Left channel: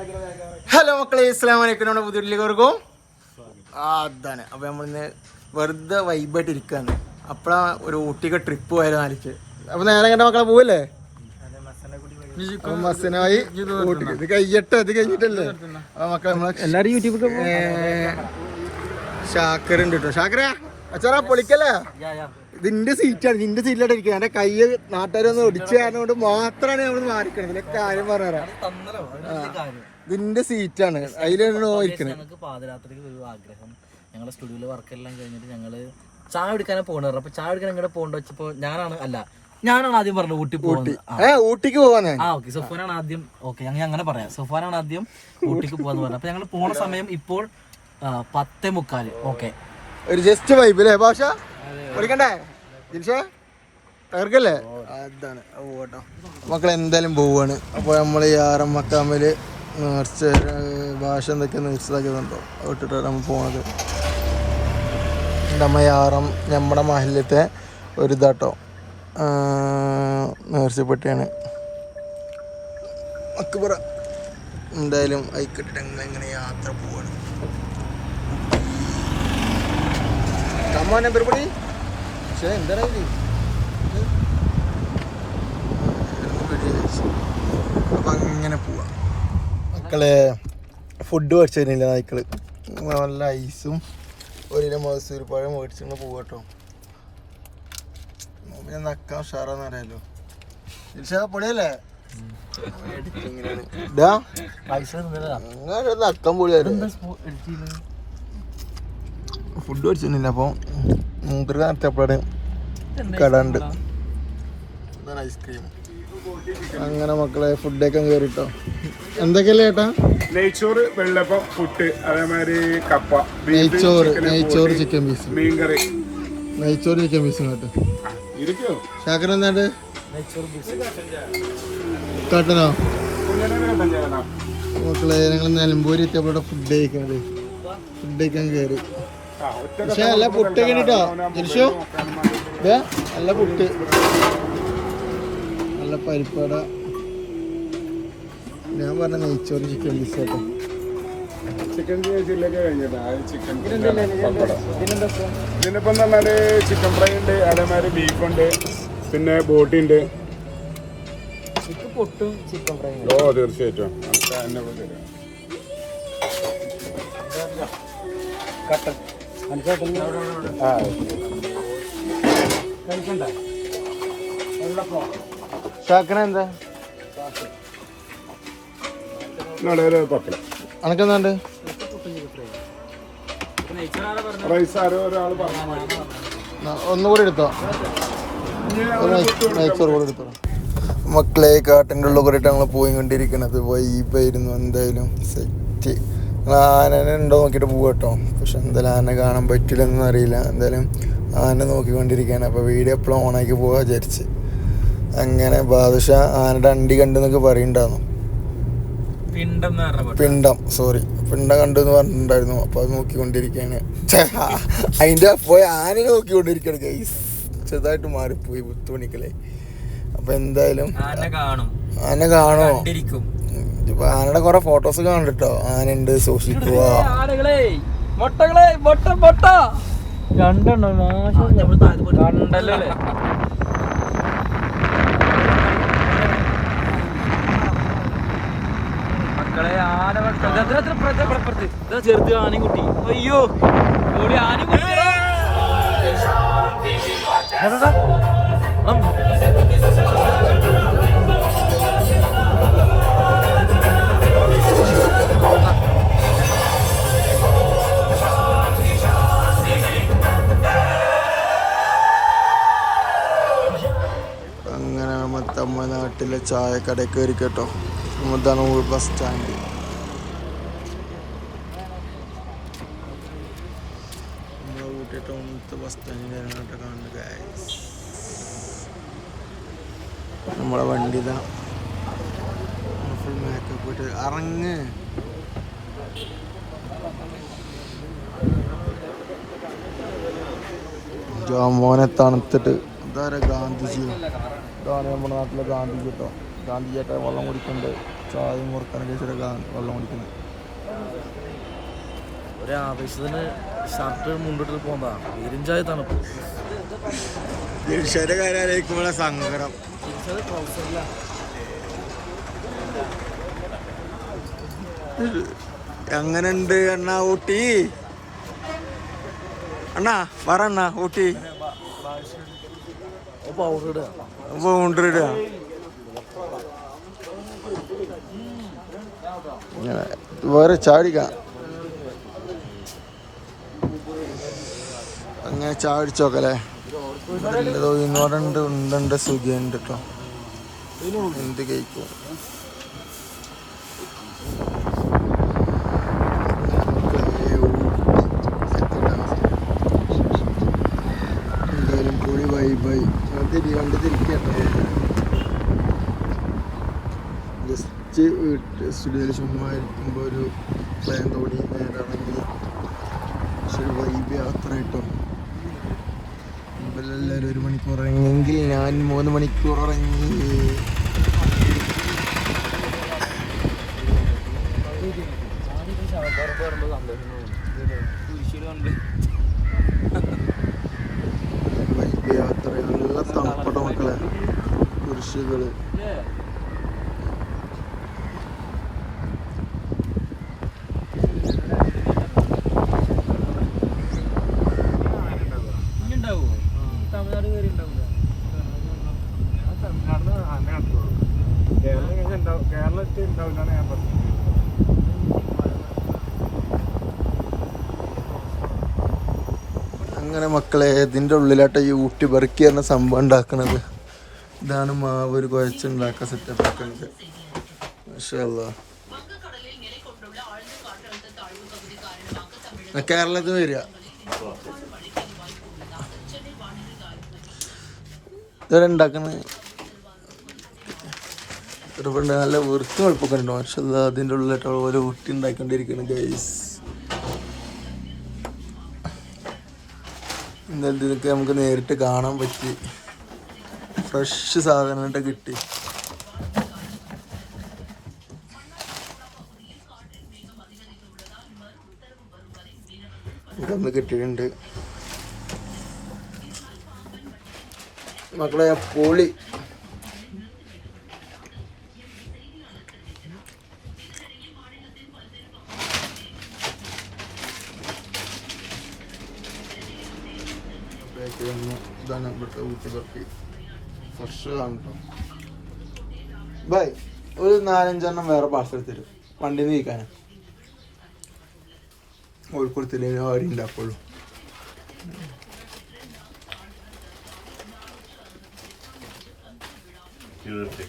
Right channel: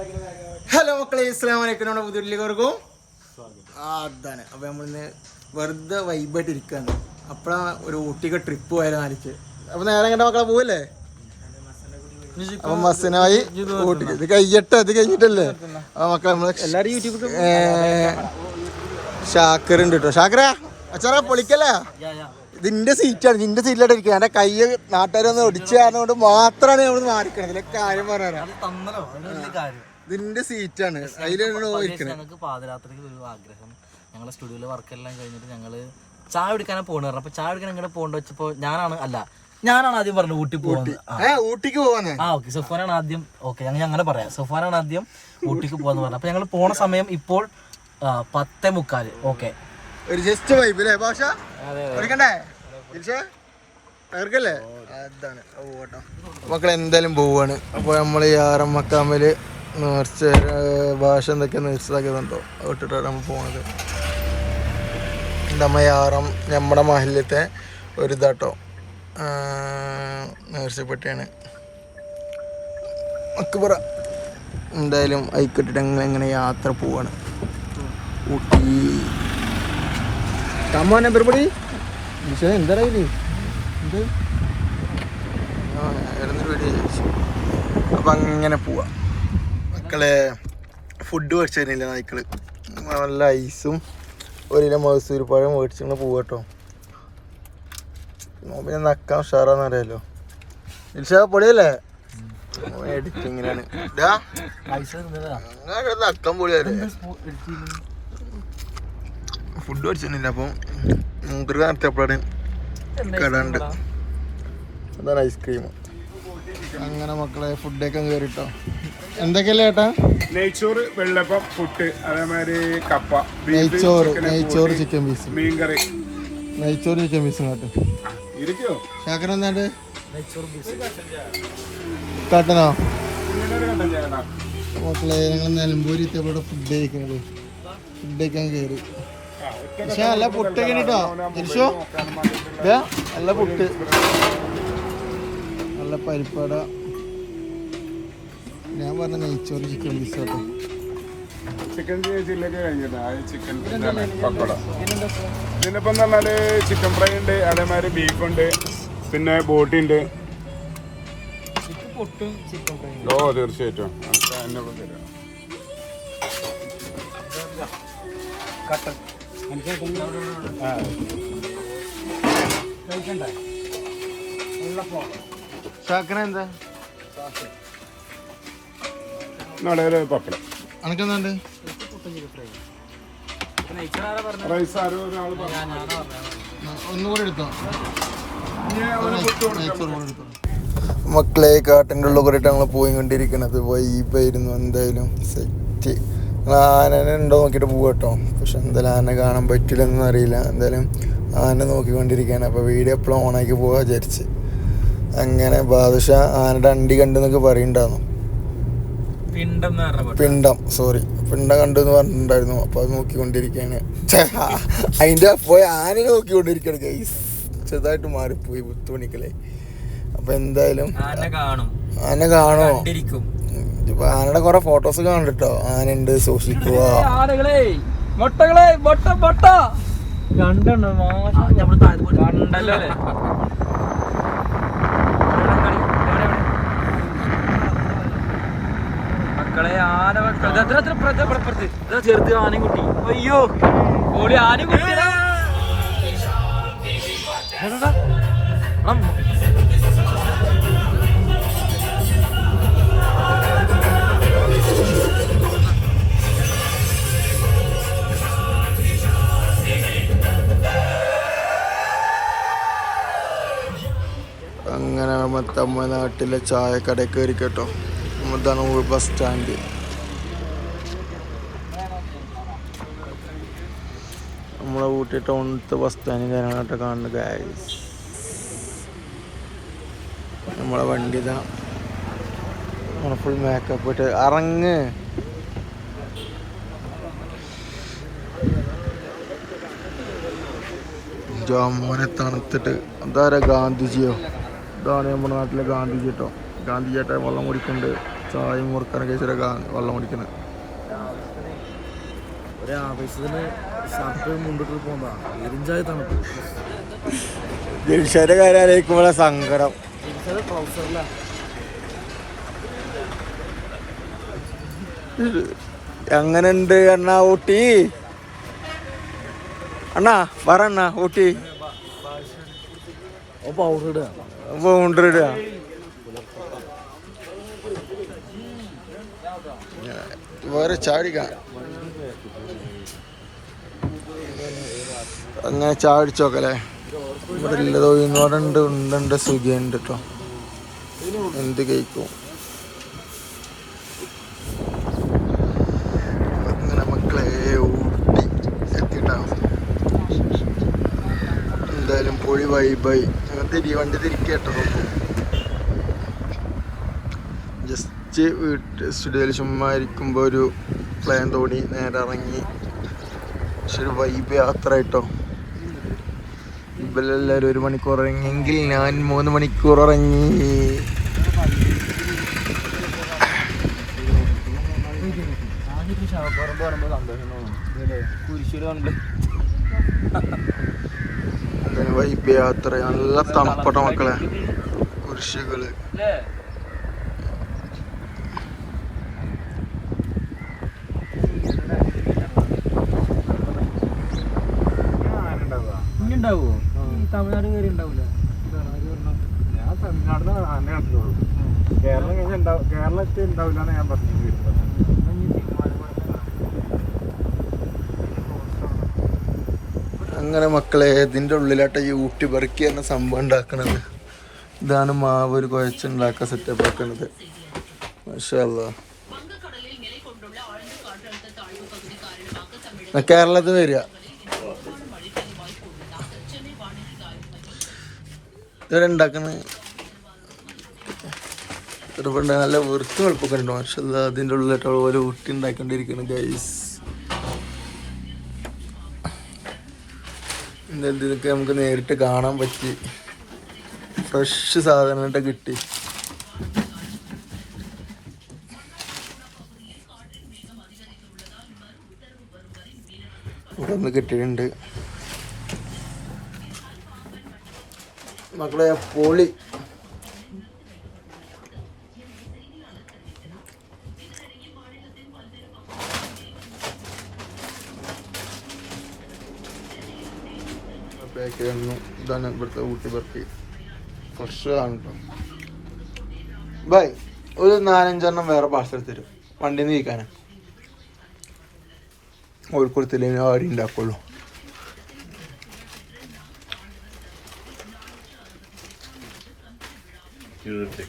Hello മക്കളെ, അസ്സലാമു അലൈക്കും. നമ്മുടെ പുതിയൊരുവർക്കും അതാണ്. അപ്പോൾ നമ്മളിന്ന് വെറുതെ വൈബായിട്ട് ഇരിക്കുകയാണ്. അപ്പോഴാണ് ഒരു ഊട്ടിക്ക് ട്രിപ്പ് പോയാലും ആലിച്ച്. അപ്പോൾ നേരെ കണ്ട മക്കളെ പോവല്ലേ? അപ്പം മസനായി ഊട്ടിക്ക് ഇത് കഴിഞ്ഞിട്ടല്ലേ? അപ്പോൾ മക്കളെ നമ്മളെ ഷാക്കറുണ്ട് കേട്ടോ. ഷാക്കറ അച്ചാറാ പൊളിക്കല്ലേ? ഇതിന്റെ സീറ്റാണ്, നിന്റെ സീറ്റിലായിട്ട് ഇരിക്കുക. എന്റെ കൈ നാട്ടുകാരൊന്ന് ഒടിച്ചു കാരണം മാത്രമാണ് നമ്മൾ മാറിക്കണത്. ഇതിലെ കാര്യം പറഞ്ഞുതരാം. ഇതിന്റെ സീറ്റാണ്, അതിലാണ് ഞങ്ങൾക്ക് പാതിരാത്രിക്ക് ഒരു ആഗ്രഹം. ഞങ്ങളുടെ സ്റ്റുഡിയോയിലെ വർക്കെല്ലാം കഴിഞ്ഞിട്ട് ഞങ്ങള് ചായ കുടിക്കാനാണ് പോകുന്നത്. അപ്പൊ ചായ കുടിക്കാൻ എങ്ങനെ പോകേണ്ട വെച്ചപ്പോ ഞാനാണ് ആദ്യം പറഞ്ഞത് ഊട്ടി ഊട്ടിക്ക് പോവാന്ന്. ഓക്കെ, സുഫാനാണ് ആദ്യം. ഓക്കെ, ഞങ്ങൾ അങ്ങനെ പറയാം. സുഫാനാണ് ആദ്യം ഊട്ടിക്ക് പോവാന്ന് പറഞ്ഞു. അപ്പൊ ഞങ്ങൾ പോണ സമയം ഇപ്പോൾ 10:45. ഓക്കെ, ഒരു ജസ്റ്റ് വൈബ് അല്ലേ ഭാഷ? പഠിക്കണ്ടേ തകർക്കല്ലേ? അതാണ് പോട്ടോ മക്കളെ. എന്തായാലും പോവാണ്. അപ്പോൾ നമ്മൾ ഈ ആറമ്മക്കാമ്പല് നേർച്ച ഭാഷ എന്തൊക്കെയാണ് നേർച്ചതാക്കിയതുണ്ടോ അത് വിട്ടിട്ടാണ് നമ്മൾ പോണത്. നമ്മ യാറം നമ്മുടെ മഹലിലത്തെ ഒരു ഇതാട്ടോ നേർച്ചപ്പെട്ടിയാണ് അക്ബറ. എന്തായാലും അയക്കിട്ടിട്ട് ഞങ്ങൾ എങ്ങനെ യാത്ര പോവാണ്. അപ്പം അങ്ങനെ പോവാ മക്കളെ. ഫുഡ് മേടിച്ചു തരുന്നില്ല നായ്ക്കള്. നല്ല ഐസും ഒരു കിലോ മൈസൂർ പഴം മേടിച്ചിങ്ങനെ പോവാട്ടോ. പിന്നെ നക്കാൻ ഉഷാറാന്ന് അറിയാലോ. പൊളിയല്ലേ? എഡിറ്റിങ്ങിനാണ് നക്കാൻ പൊളിയല്ലേ? ഫുഡ് മേടിച്ചിരുന്നില്ല. അപ്പോൾ മൂപ്പര് നടത്തിയപ്പോഴാണ് കട ഉണ്ട്. അതാണ് ഐസ്ക്രീം. അങ്ങനെ മക്കളെ ഫുഡൊക്കെ കയറിട്ടോ. എന്തൊക്കെയല്ലേ ചേട്ടാ? നെയ്ച്ചോറ്, വെള്ളപ്പം, പുട്ട്, അതേമാതിരി കപ്പ, നെയ്ച്ചോറ് ചിക്കൻ പീസ്, മീൻകറി. നെയ്ച്ചോറ് ചിക്കൻ പീസ് കേട്ടോ. ഇരിക്കോ ശാക്കര എന്താണ്ട് കാട്ടനോ? മക്കളെ ഞങ്ങൾ നിലമ്പൂരി എത്തിയപ്പോടെ ഫുഡ് കഴിക്കാൻ കയറി. പക്ഷെ നല്ല പുട്ടൊക്കെ കേട്ടോ തിരിച്ചോ. നല്ല പുട്ട്, നല്ല പരിപ്പട. ഞാൻ പറഞ്ഞ നെയ്ച്ചോറ് ചിക്കൻ പീസ് കേട്ടോ. ചിക്കൻ ചില്ലൊക്കെ കഴിഞ്ഞിട്ടാ ചിക്കൻ പപ്പടം. ഇതിനിപ്പം എന്ന് പറഞ്ഞാല് ചിക്കൻ ഫ്രൈ ഉണ്ട്, അതേമാതിരി ബീഫുണ്ട്, പിന്നെ ബോട്ടി ഉണ്ട്. ഓ തീർച്ചയായിട്ടും ശാക്കര എന്താ പപ്പടം. അനക്കെന്താണ്ട്? റൈസ് ആരോ ഒരാൾ ഒന്നുകൂടി എടുത്തോ. നെയ്ച്ചോറ് കൂടി എടുത്തോ. മക്കളെ കാട്ടിൻ്റെ ഉള്ളിൽ കൂടിയിട്ട് ഞങ്ങൾ പോയിക്കൊണ്ടിരിക്കണത് വൈബായിരുന്നു. എന്തായാലും സെറ്റ്. ആനനെ ഉണ്ടോ നോക്കിയിട്ട് പോകട്ടോ. പക്ഷെ എന്തായാലും ആന കാണാൻ പറ്റില്ലെന്നൊന്നും അറിയില്ല. എന്തായാലും ആന നോക്കിക്കൊണ്ടിരിക്കുകയാണ്. അപ്പോൾ വീഡിയോ എപ്പോഴും ഓണാക്കി പോകാൻ വിചാരിച്ച്. അങ്ങനെ ബാദുഷ ആനയുടെ അണ്ടി കണ്ടെന്നൊക്കെ പറയുന്നുണ്ടായിരുന്നു. പിണ്ടം കണ്ടു എന്ന് പറഞ്ഞിട്ടുണ്ടായിരുന്നു. അപ്പോൾ അത് നോക്കിക്കൊണ്ടിരിക്കുകയാണ്. അതിൻ്റെ പോയി ആനയെ നോക്കിക്കൊണ്ടിരിക്കുകയാണ് ഗൈസ്. ചെറുതായിട്ട് മാറിപ്പോയി 10 മണിക്കല്ലേ. അപ്പോൾ എന്തായാലും ആന കാണോ? ഇപ്പൊ ആനയുടെ കുറെ ഫോട്ടോസ് കാണട്ടോ. ആനയുണ്ട്, സൂക്ഷിക്കുക. ചെറുത് ആനയും കുട്ടി. അയ്യോ ഓടി ആനയും കുട്ടി. അങ്ങനെ തമിഴ്നാട്ടിലെ ചായക്കടയിൽ കയറി കേട്ടോ. ഇതാണ് ബസ് സ്റ്റാൻഡ്. നമ്മളെ ഊട്ടി ടൗണിലത്തെ ബസ് സ്റ്റാൻഡ് കാര്യങ്ങളായിട്ട് കാണുന്നത് ഗൈസ്. നമ്മളെ വണ്ടി ഇതാ ഫുൾ മേക്കപ്പ് ഇട്ട് ഇറങ്ങ്. ജാമോനെ തണുത്തിട്ട് എന്താ ഗാന്ധിജിയോ? ഇതാണ് നമ്മുടെ നാട്ടിലെ ഗാന്ധിജി കേട്ടോ. ഗാന്ധിജിയായിട്ട് വെള്ളം കുടിക്കുന്നുണ്ട്. ചായയും മുറുക്കാനൊക്കെ ചില വെള്ളം കുടിക്കുന്നത്. ഒരു ആവേശത്തിന് ഷർട്ട് മുണ്ടിട്ട് പോകുന്നതാ എരിഞ്ചായ തണുപ്പ്. ജൽഷയുടെ കാര്യം ആലോചിക്കുമ്പോഴാണ് സങ്കടം. ട്രൗസറില എങ്ങനെയുണ്ട് അണ്ണാ ഊട്ടി? അണ്ണാ പറ അണ്ണാ ഊട്ടി പൗണ്ടർ ഇടുക. വേറെ ചാടിക്കാം. അങ്ങനെ ചാടിച്ചോക്കല്ലേ. ഇവിടെ ഇല്ലതോ ഇന്നോടുണ്ട് ഉണ്ടുണ്ട് സുഖമുണ്ട് കേട്ടോ. എന്ത് കഴിക്കും. അങ്ങനെ മക്കളെ ഊട്ടി എത്തിണ്ടാവും. എന്തായാലും പൊളി വൈബായി. വണ്ടി തിരിക്കട്ടോ. ജസ്റ്റ് സ്റ്റുഡിയോയിൽ ചുമ്മാ ഇരിക്കുമ്പോൾ ഒരു പ്ലാൻ തോന്നി നേരെ ഇറങ്ങി. പക്ഷെ ഒരു വൈബ് യാത്ര കേട്ടോ. ഇവരെല്ലാവരും 1 മണിക്കൂർ ഇറങ്ങിയെങ്കിൽ ഞാൻ 3 മണിക്കൂർ ഇറങ്ങി. വൈബ് യാത്ര നല്ല തണുപ്പട്ട മക്കളെ. കുരിശുകള് തമിഴ്നാട് കയറി ഉണ്ടാവില്ല. ഞാൻ തമിഴ്നാട് കേരളത്തിൽ ഉണ്ടാവില്ലാണ് ഞാൻ പറഞ്ഞത്. അങ്ങനെ മക്കളെ ഇതിൻ്റെ ഉള്ളിലാട്ട ഈ ഊട്ടി ബർക്കി എന്ന സംഭവം ഉണ്ടാക്കണത്. ഇതാണ് മാവ് ഒരു കുഴച്ചുണ്ടാക്കാൻ സെറ്റപ്പ് ആക്കുന്നത്. മാഷാ അല്ലാഹ്. കേരളത്തിൽ വരിക. ഇതുവരെ ഉണ്ടാക്കുന്നത് നല്ല വൃത്തി വെളുപ്പൊക്കെ ഉണ്ട്. മാഷാ അല്ലാഹ്. അതിൻ്റെ ഉള്ളിലായിട്ട് അതുപോലെ ഊട്ടി ഉണ്ടാക്കിക്കൊണ്ടിരിക്കുന്നു ഗൈസ്. ഇന്നലെ ഇതൊക്കെ നമുക്ക് നേരിട്ട് കാണാൻ പറ്റി. ഫ്രഷ് സാധനമായിട്ട് കിട്ടി. ഇവിടെ ഒന്ന് കിട്ടിയിട്ടുണ്ട് മക്കളെ. പൊളി. ഇതാണ് ഇവിടുത്തെ ഊട്ടി ബർക്കി. ഫ്രഷ് ആണ് കേട്ടോ. ബൈ ഒരു 4-5 വേറെ പാർസൽ തരും വണ്ടിയിൽ നിന്ന് കഴിക്കാനാ. കോഴിക്കോടത്തില്ലേ ആരും ഉണ്ടാക്കുള്ളൂ. ₹20.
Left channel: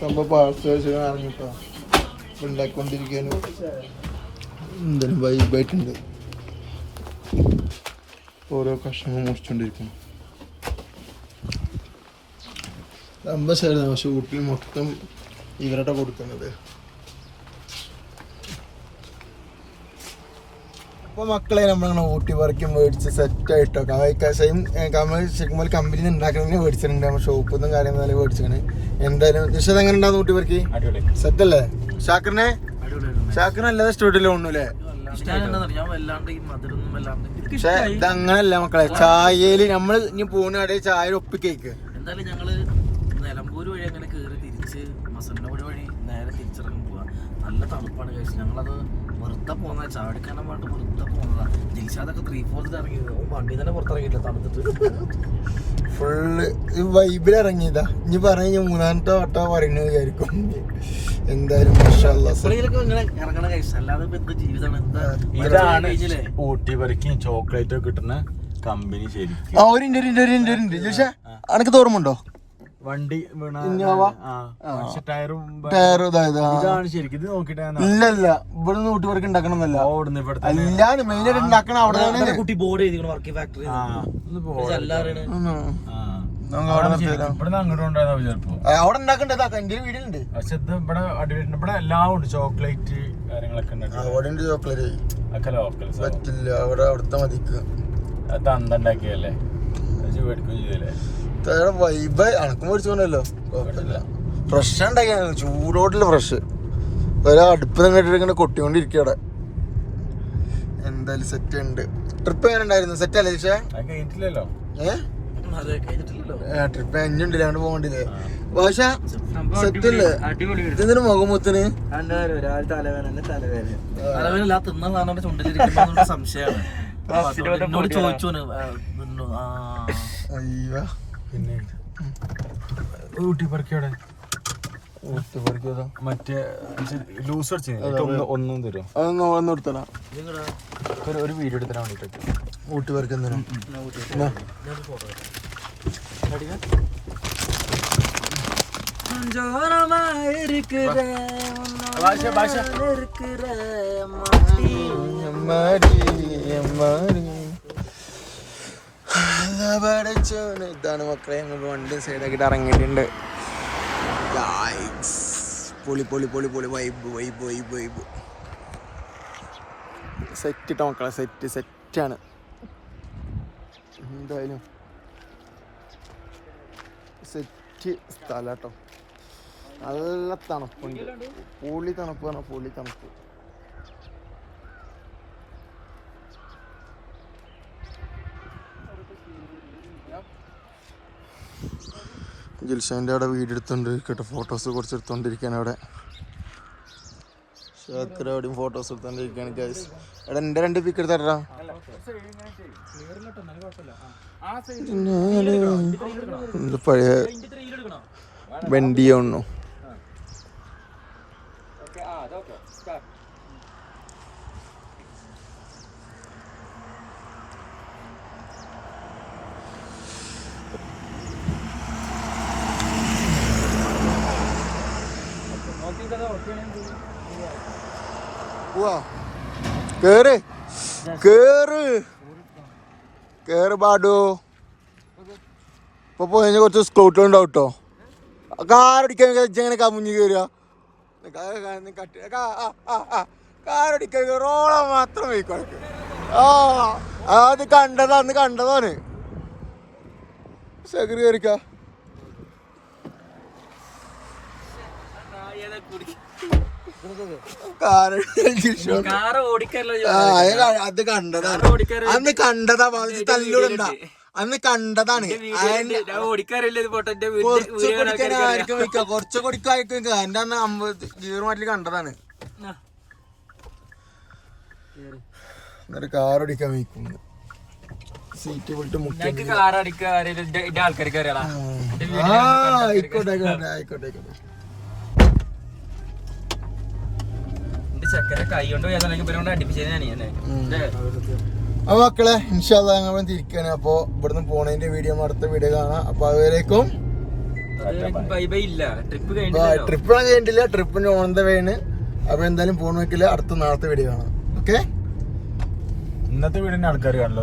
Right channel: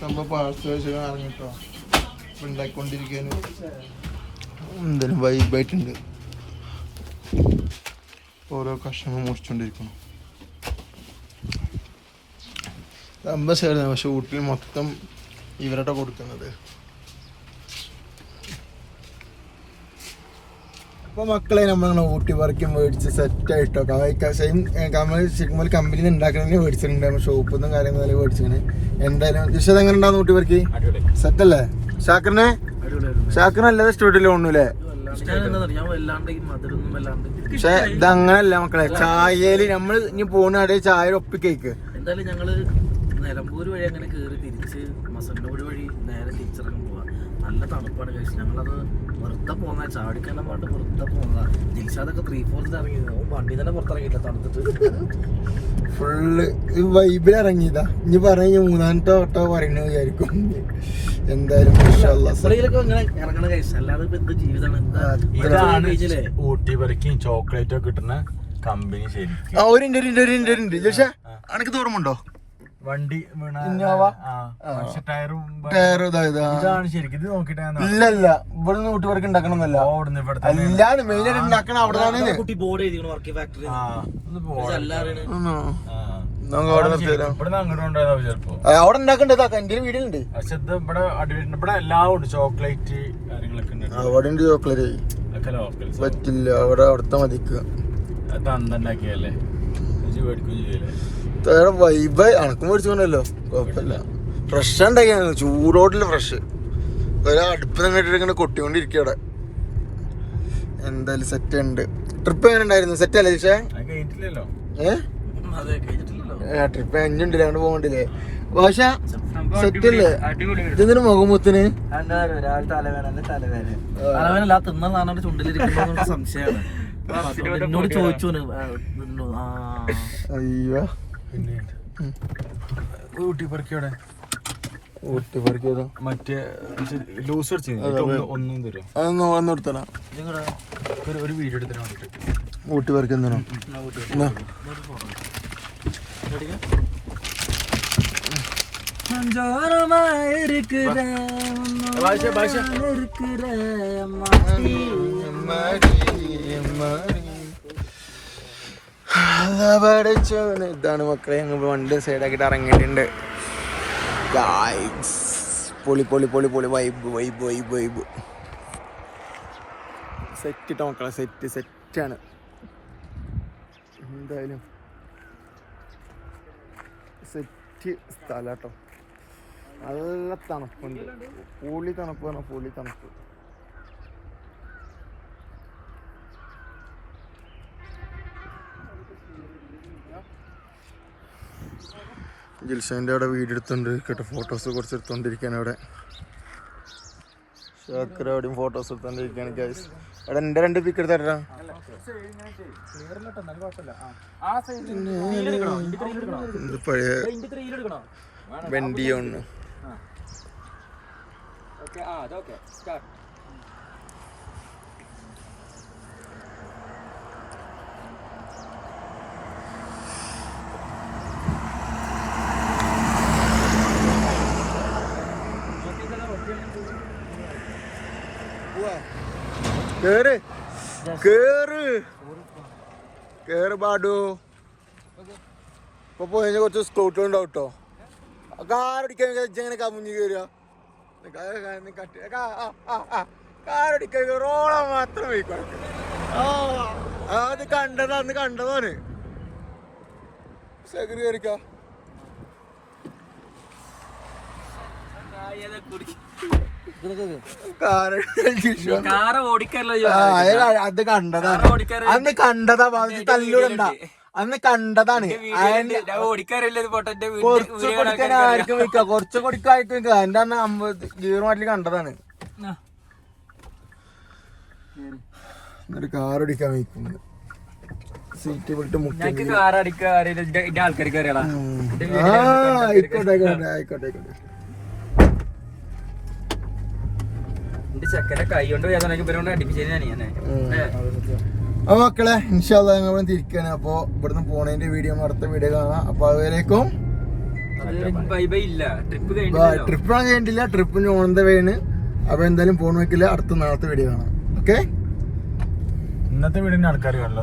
സംഭവം പാർസൽ അറിഞ്ഞിട്ടോ ഉണ്ടാക്കിക്കൊണ്ടിരിക്കാനും എന്തായാലും വൈബായിട്ടുണ്ട്. ഓരോ കഷ്ണങ്ങൾ മുറിച്ചുകൊണ്ടിരിക്കണം. പക്ഷെ ഊട്ടിൽ മൊത്തം ഇവരുടെ കൊടുക്കുന്നത്. അപ്പോൾ മക്കളെ നമ്മളങ്ങനെ ഊട്ടി വർക്കും മേടിച്ച് സെറ്റായിട്ടോ. ശരിക്കും കമ്പനിയിൽ നിന്ന് ഉണ്ടാക്കണേ മേടിച്ചിട്ടുണ്ട്. നമ്മൾ ഷോപ്പിൽ നിന്നും കാര്യങ്ങളെല്ലാം മേടിച്ചിങ്ങനെ. എന്തായാലും ദിശത് എങ്ങനെ ഉണ്ടാകുന്ന ഊട്ടി വർക്ക് സെറ്റല്ലേ? ഷാക്കിനല്ലാതെ സ്റ്റുഡിയോയിൽ ഒന്നുമില്ലേ? പക്ഷെ ഇതങ്ങനല്ല മക്കളെ. ചായയില് നമ്മള് ഇനി പോണ ചായ ഒപ്പിക്കേക്ക്. എന്തായാലും ഞങ്ങള് നിലമ്പൂര് വഴി അങ്ങനെ കയറി തിരിച്ച് മസന്നൂർ വഴി നേരെ തിരിച്ചിറങ്ങി പോവാ. നല്ല തണുപ്പാണ് കഴിച്ചത്. ഞങ്ങളത് വെറുതെ പോന്ന ചാടിക്കാനും പാട്ട് വെറുതെ പോന്നതാ. ജിൽഷാദൊക്കെ 3/4 ഇറങ്ങിയത് വണ്ടി തന്നെ പുറത്തിറങ്ങിയില്ല തണുത്തിട്ട്. ഫുള്ള് വൈബിൽ ഇറങ്ങിയതാ. ഇനി പറഞ്ഞ 3-ാമത്തെ വട്ടം പറയുന്നത് വിചാരിക്കും. എന്തായാലും ഇങ്ങനെ ഇറങ്ങണ കഴിച്ച അല്ലാതെ ഇപ്പൊ എന്ത് ജീവിതമാണ്. ഊട്ടി വരയ്ക്കും ചോക്ലേറ്റ് ഒക്കെ കിട്ടുന്ന കമ്പനി. ശരിക്കും ഒരു അനക്ക് തോറുമുണ്ടോ വണ്ടി ഇല്ലല്ല ഇവിടെ ഊട്ടി വർക്ക് ഉണ്ടാക്കണമെന്നല്ല. അല്ലാതെ മെയിനായിട്ട് ഉണ്ടാക്കണം അവിടെ. നമുക്ക് അവിടെ നിർത്തിയാലോ? ഇവിടെ അങ്ങോട്ട് ഉണ്ടാകാം ചിലപ്പോ. അവിടെ ഉണ്ടാക്കണ്ടതാ എന്റെ വീടുണ്ട്. പക്ഷെ ഇത് ഇവിടെ ഇവിടെ എല്ലാം ഉണ്ട്, ചോക്ലേറ്റ് കാര്യങ്ങളൊക്കെ ഉണ്ട്. അവിടെ ഉണ്ട് ചോക്ലേറ്റ്. ഒക്കെ ലോക്കൽ പറ്റില്ല, അവിടെ അവിടുത്തെ മതിക്കുക. അത് അന്നുണ്ടാക്കിയല്ലേ, മേടിക്കുകയും ചെയ്തല്ലേ. വൈബ് അണക്കും മേടിച്ചോണ്ടല്ലോ, കുഴപ്പമില്ല. ഫ്രഷ് ഉണ്ടാക്കിയ ചൂടോട്ടില്ല ഫ്രഷ്. അടുപ്പ് ഇങ്ങനെ കൊട്ടിക്കൊണ്ടിരിക്കുക അവിടെ. എന്തായാലും സെറ്റ് ഉണ്ട്. ട്രിപ്പ് എങ്ങനെ ഉണ്ടായിരുന്നു? സെറ്റ് അല്ലേ ദിശ? കഴിഞ്ഞിട്ടില്ലല്ലോ. ട്രിപ്പ് എങ്ങുണ്ടല്ലേ, അങ്ങോട്ട് പോകണ്ടില്ലേ? ഭാഷ ഇതിന് മുഖമുത്തിന് തലവേനല്ല, തിന്നാൻ സാധനം ചുണ്ടിലിരിക്കുന്ന സംശയമാണ്. എന്നോട് ചോദിച്ചു. അയ്യോ പിന്നെ ഊട്ടിപ്പറിക്കവിടെ മറ്റേ ലൂസ് അടിച്ചു ഒന്നും തരും. ഒരു വീഡിയോ എടുത്തരാൻ വേണ്ടിട്ട് ഊട്ടി പറിക്കുന്ന ഇതാണ് മക്കളെ. ഞങ്ങൾ വണ്ടി സൈഡാക്കിട്ട് ഇറങ്ങിയിട്ടുണ്ട്. പൊളി പൊളി പൊളി പൊളി vibe vibe vibe vibe. Set ഇട്ടോ മക്കളെ, സെറ്റാണ് എന്തായാലും. സെറ്റ് സ്ഥലം കേട്ടോ, നല്ല തണുപ്പുണ്ട്. പൊളി തണുപ്പ് പറഞ്ഞാൽ പൊളി തണുപ്പ്. ജിൽഷാൻ്റെ അവിടെ വീഡിയോ എടുത്തോണ്ട് കേട്ടോ, ഫോട്ടോസ് കുറച്ച് എടുത്തോണ്ടിരിക്കുകയാണ് അവിടെ. ഷാക്കർ അവിടെയും ഫോട്ടോസ് എടുത്തോണ്ടിരിക്കുകയാണ് ഗൈസ്. അവിടെ എൻ്റെ 2 പിക്ക് എടുത്താ പഴയ വണ്ടിയാണോ. കേറ് കേറ് കേറ് പാടോ. ഇപ്പൊ പോയി കുറച്ച് സ്കൂട്ടർ ഉണ്ടാവും കേട്ടോ. കാറടിക്കാൻ എങ്ങനെ കമുഞ്ഞ് കയറുക? കാറടിക്കാൻ റോള മാത്രം വയ്ക്കോ. അത് കണ്ടതാന്ന് കണ്ടതാണ്. ശകര് കയറിക്ക. അത് കണ്ടതാണ്, അന്ന് കണ്ടതാ. തല്ലൂടണ്ട, അന്ന് കണ്ടതാണ്. കുറച്ച് കൊടുക്കായിരിക്കും. എന്റെ അന്ന് 50 ഗീർ മാറ്റിൽ കണ്ടതാണ്. എന്നിട്ട് കാറടിക്കാൻ വയ്ക്കുന്നു. സീറ്റ് വിട്ട് മുക്കി. ആയിക്കോട്ടെ ആയിക്കോട്ടെ ആയിക്കോട്ടെ. അപ്പൊ മക്കളെ ഇൻഷാല്ലാ ഞങ്ങൾ തിരിക്കാണ്. അപ്പൊ ഇവിടുന്ന് പോണതിന്റെ വീഡിയോ അടുത്ത വീഡിയോ കാണാം. അപ്പൊ അതിലേക്കും ട്രിപ്പ് കഴിഞ്ഞിട്ടില്ല, ട്രിപ്പിന് ഓൺ ദ വേണ്. അപ്പൊ എന്തായാലും പോണ വെക്കില്ല, അടുത്ത നാളത്തെ വീഡിയോ കാണാം. ഓക്കെ, ഇന്നത്തെ വീടിന്റെ ആൾക്കാർ കാണില്ല.